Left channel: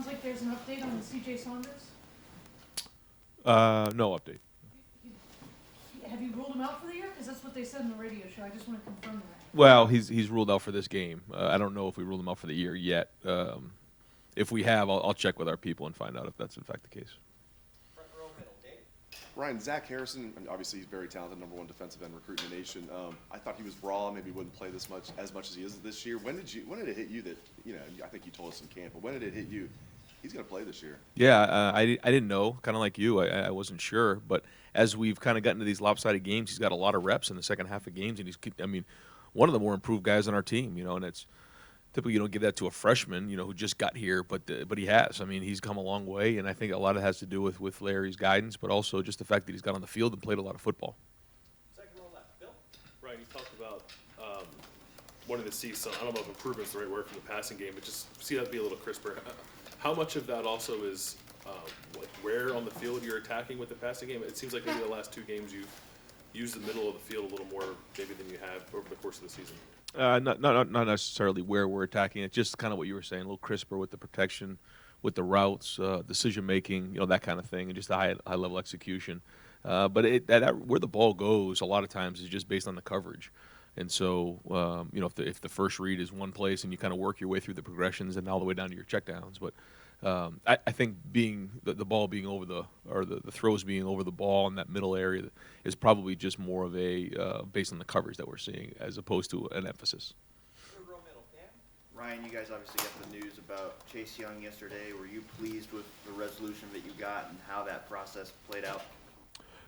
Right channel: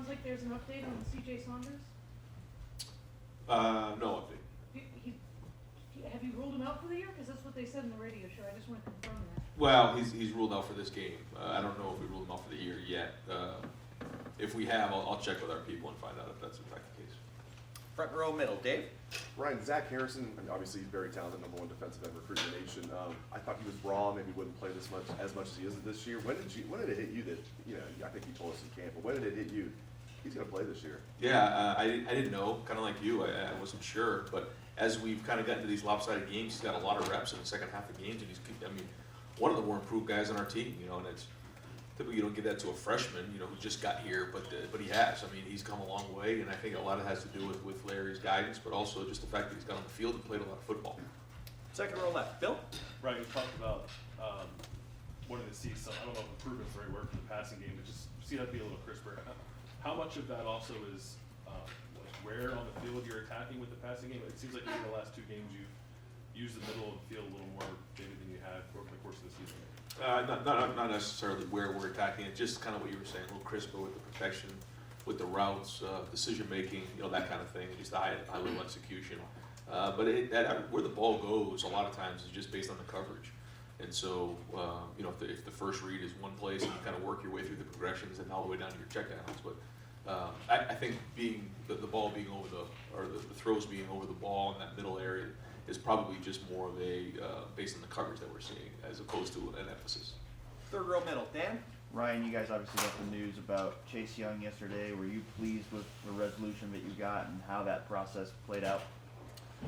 sounds like there's an update on C.J. Saunders. No update. Have you ruled him out for the year? Because that's what they said in the radio show. I just want to confirm that. Well, he's ruled out for this game. I don't know if we ruled him out for the year yet. If we have, I'll check with our people and find out if that's in fact the case. Front row middle, Dave. Ryan, Zach Harrison, obviously he's very talented, #1 defensive end recruit in the nation. I thought he was raw, maybe wouldn't play as much as he is this year. When did it hit you that, I think you told us in camp, but when did it hit you? He's going to play this year. Yeah, I didn't know, kind of like you. I wasn't sure, but as we've kind of gotten to these lopsided games, he's got a lot of reps in the second half of games, and one of the more improved guys on our team, and it's typically you don't give that to a freshman, who just got here, but he has. He's come a long way, and I think a lot of it has to do with Larry's guidance, but also just the fact that he's got on the field and played a lot of football. Second row left, Bill. Ryan, you talked about wanting to see some, I don't know if improvement's the right word for the passing game, but just see that be a little crisper. How much of that also is where on the field you're attacking with the passing game? It seems like maybe the last two games you've used the middle of the field a little more maybe than you have over the course of the season. Not necessarily where we're attacking it, just kind of what you were saying, a little crisper with the protection, with the routes, decision making, that kind of thing, and just the high level execution. But where the ball goes, a lot of times is just based on the coverage. And so, if the first read is one place and you kind of work your way through the progressions and all the way down to your checkdowns, but I think the ball being over the throws being over the ball in that middle area is probably just more of a based on the coverage that we're seeing as opposed to an emphasis. Third row middle, Dan. Ryan, you guys obviously got the news about Chase Young yesterday. Were you pleased with the resolution that you got and how that process played out?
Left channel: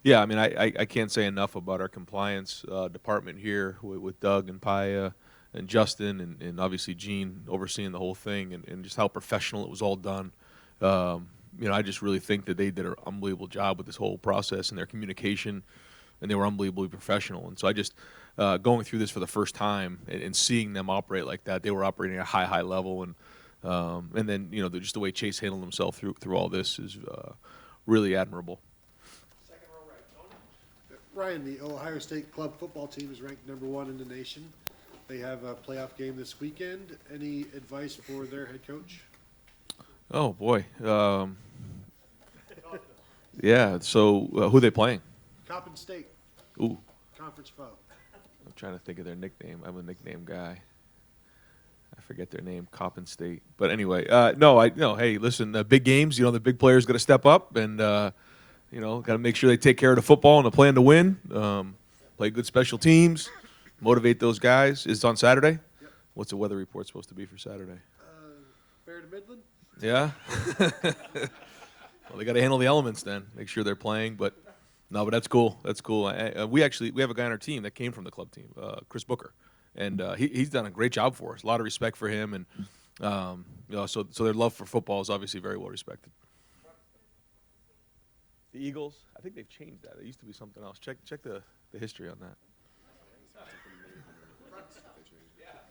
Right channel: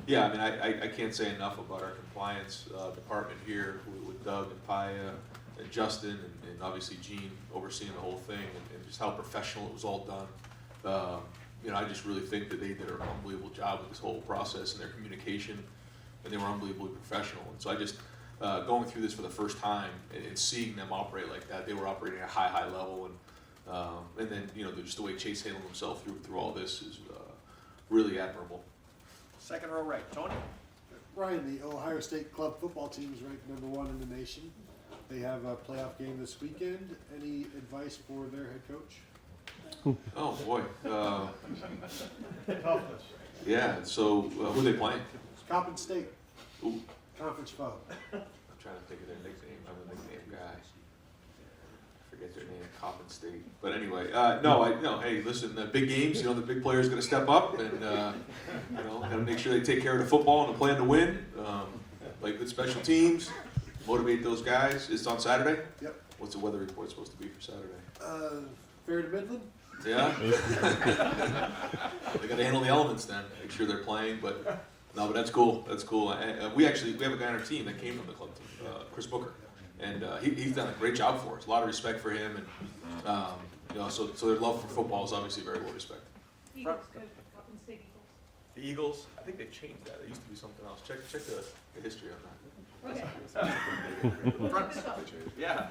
Yeah, I can't say enough about our compliance department here with Doug and Paya and Justin and obviously Gene overseeing the whole thing and just how professional it was all done. I just really think that they did an unbelievable job with this whole process and their communication, and they were unbelievably professional. And so I just going through this for the first time and seeing them operate like that, they were operating at a high level, and then just the way Chase handled himself through all this is really admirable. Second row right, Tony. Ryan, the Ohio State club football team is ranked #1 in the nation. They have a playoff game this weekend. Any advice for their head coach? Oh boy, yeah. So who they playing? Coppin State. Ooh, Conference foe. I'm trying to think of their nickname. I'm a nickname guy. I forget their name, Coppin State. But anyway, no. Hey, listen, the big games. The big players got to step up and got to make sure they take care of the football and the plan to win. Play good special teams. Motivate those guys. It's on Saturday. Yep. What's the weather report supposed to be for Saturday? Fair to Midland. Yeah. Well, they got to handle the elements then. Make sure they're playing. But that's cool. That's cool. We have a guy on our team that came from the club team, Chris Booker, and he's done a great job for us. A lot of respect for him, and so their love for football is obviously very well respected. Eagles, good. Coppin State Eagles. The Eagles, I think they changed that. It used to be something else. Check the history on that. Okay. Yeah,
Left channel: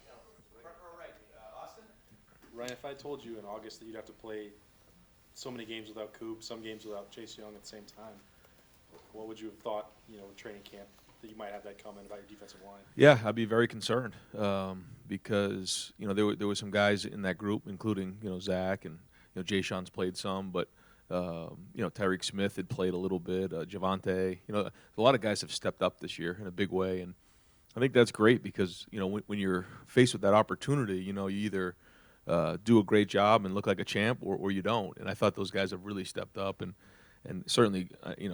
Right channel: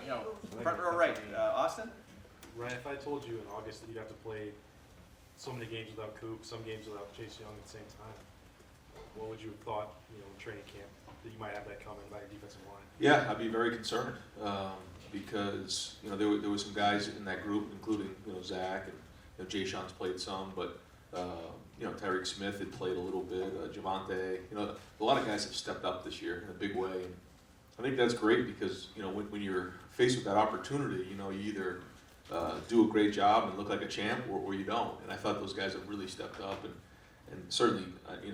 front row right, Austin. Ryan, if I told you in August that you'd have to play so many games without Coop, some games without Chase Young at the same time, what would you have thought, training camp, that you might have that coming by your defensive line? Yeah, I'd be very concerned because there were some guys in that group, including Zach and Jay Sean's played some, but Tyreek Smith had played a little bit, Javante. A lot of guys have stepped up this year in a big way, and I think that's great because when you're faced with that opportunity, you either do a great job and look like a champ, or you don't. And I thought those guys have really stepped up, and certainly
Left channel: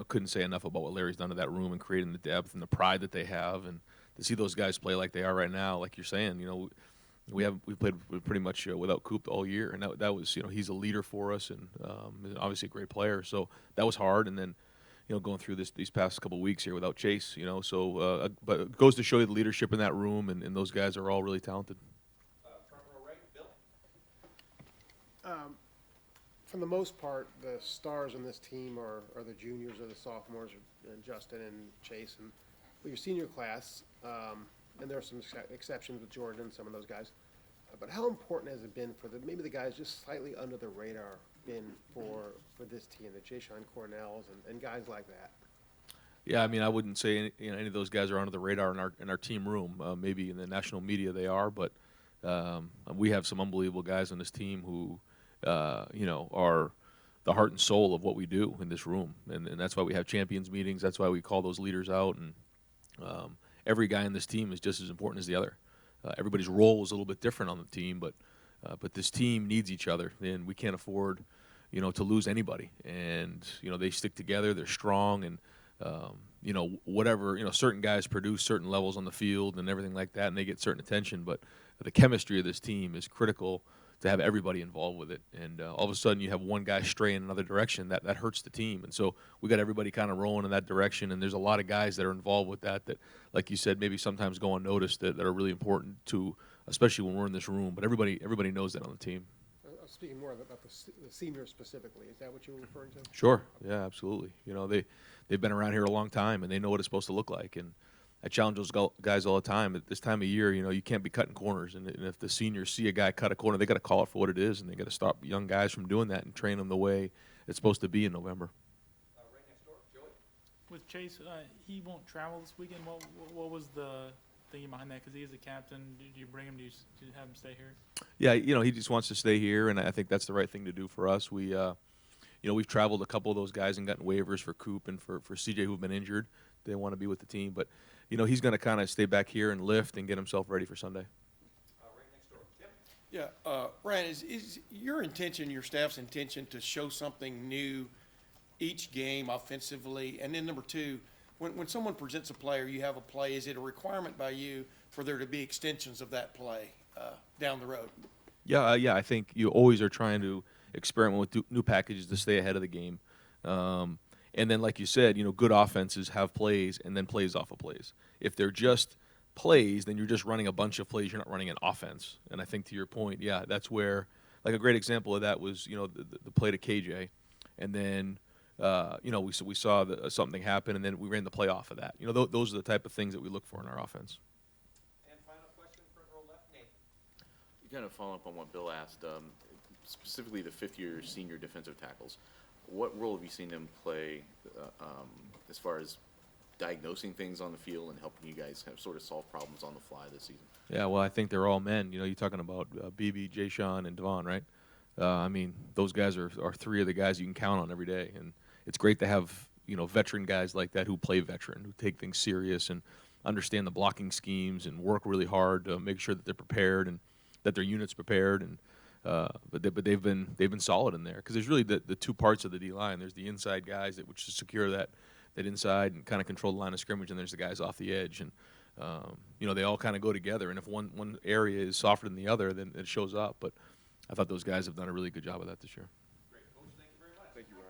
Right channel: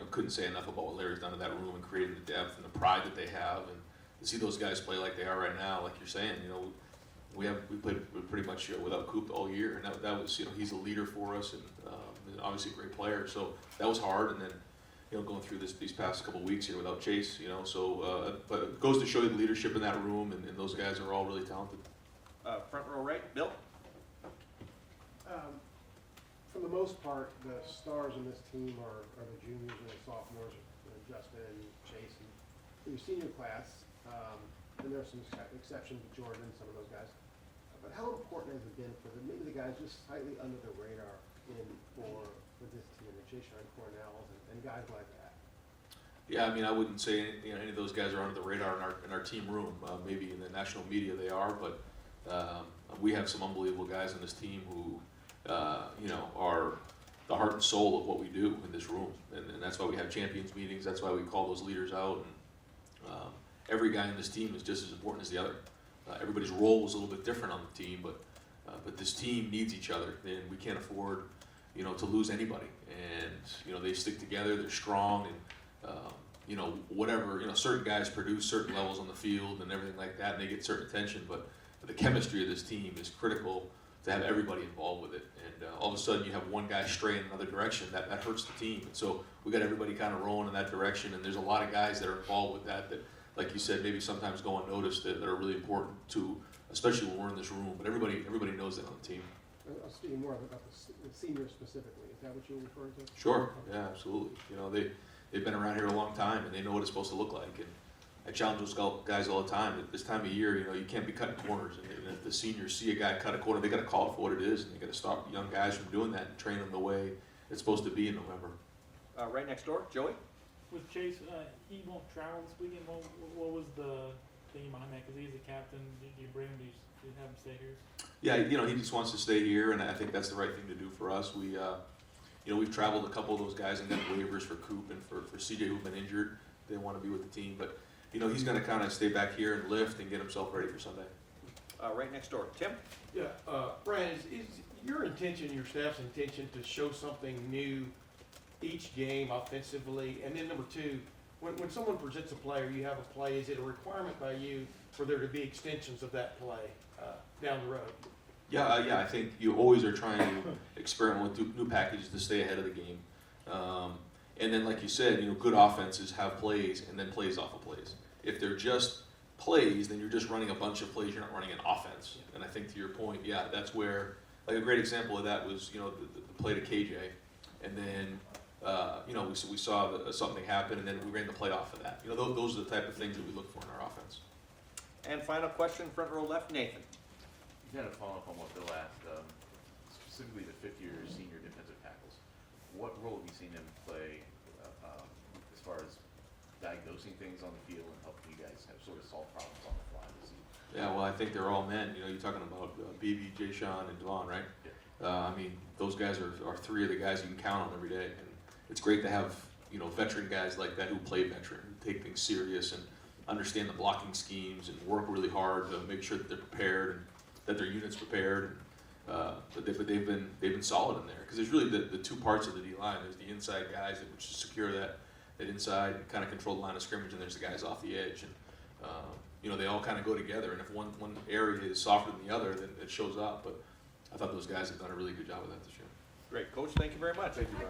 couldn't say enough about what Larry's done to that room and creating the depth and the pride that they have, and to see those guys play like they are right now, like you're saying, we played pretty much without Coop all year, and that was he's a leader for us and obviously a great player. So that was hard, and then going through these past couple of weeks here without Chase, but it goes to show you the leadership in that room, and those guys are all really talented. Front row right, Bill. For the most part, the stars in this team are the juniors or the sophomores, Justin and Chase, and your senior class. And there are some exceptions with Jordan and some of those guys. But how important has it been for maybe the guys just slightly under the radar for this team, the Jay Sean Cornells and guys like that? Yeah, I wouldn't say any of those guys are under the radar in our team room. Maybe in the national media they are, but we have some unbelievable guys on this team who are the heart and soul of what we do in this room, and that's why we have champions meetings. That's why we call those leaders out, and every guy in this team is just as important as the other. Everybody's role is a little bit different on the team, but this team needs each other, and we can't afford, to lose anybody. And they stick together. They're strong, and whatever. Certain guys produce certain levels on the field and everything like that, and they get certain attention. But the chemistry of this team is critical to have everybody involved with it. And all of a sudden, you have one guy stray in another direction, that hurts the team. And so we got everybody kind of rolling in that direction. And there's a lot of guys that are involved with that, like you said, maybe sometimes go unnoticed, that are really important to, especially when we're in this room. But everybody knows that on the team. I was speaking more about the seniors specifically. Is that what you're referring to? Sure. Yeah, absolutely. They've been around here a long time, and they know what it's supposed to look like. And I challenge those guys all the time. At this time of year, you can't be cutting corners. And if the seniors see a guy cut a corner, they got to call it for what it is, and they got to stop young guys from doing that and train them the way it's supposed to be in November. Right next door, Joey? With Chase, he won't travel this weekend. What was the thinking behind that? Because he's the captain. Did you bring him? Did you have him stay here? Yeah, he just wants to stay here, and I think that's the right thing to do for us. We've traveled a couple of those guys and gotten waivers for Coop and for CJ, who've been injured. They want to be with the team, but he's going to kind of stay back here and lift and get himself ready for Sunday. Right next door, Tim? Yeah, Brian, is your intention, your staff's intention, to show something new each game offensively? And then number two, when someone presents a play or you have a play, is it a requirement by you for there to be extensions of that play down the road? Yeah, I think you always are trying to experiment with new packages to stay ahead of the game. And then, like you said, good offenses have plays and then plays off of plays. If they're just plays, then you're just running a bunch of plays. You're not running an offense. And I think to your point, yeah, that's where, like a great example of that was, the play to KJ. And then, we saw something happen, and then we ran the play off of that. Those are the type of things that we look for in our offense. And final question, front row left, Nathan. Kind of follow up on what Bill asked, specifically the fifth-year senior defensive tackles. What role have you seen them play as far as diagnosing things on the field and helping you guys kind of sort of solve problems on the fly this season? Yeah, well, I think they're all men. You're talking about BB, Jay Sean, and Devon, right? Those guys are three of the guys you can count on every day. And it's great to have, veteran guys like that who play veteran, who take things serious and understand the blocking schemes and work really hard to make sure that they're prepared and that their unit's prepared. But they've been solid in there, because there's really the two parts of the D line. There's the inside guys which to secure that inside and kind of control the line of scrimmage, and there's the guys off the edge. And they all kind of go together. And if one area is softer than the other, then it shows up. But I thought those guys have done a really good job of that this year. Great, Coach. Thank you very much. Thank you, Brian.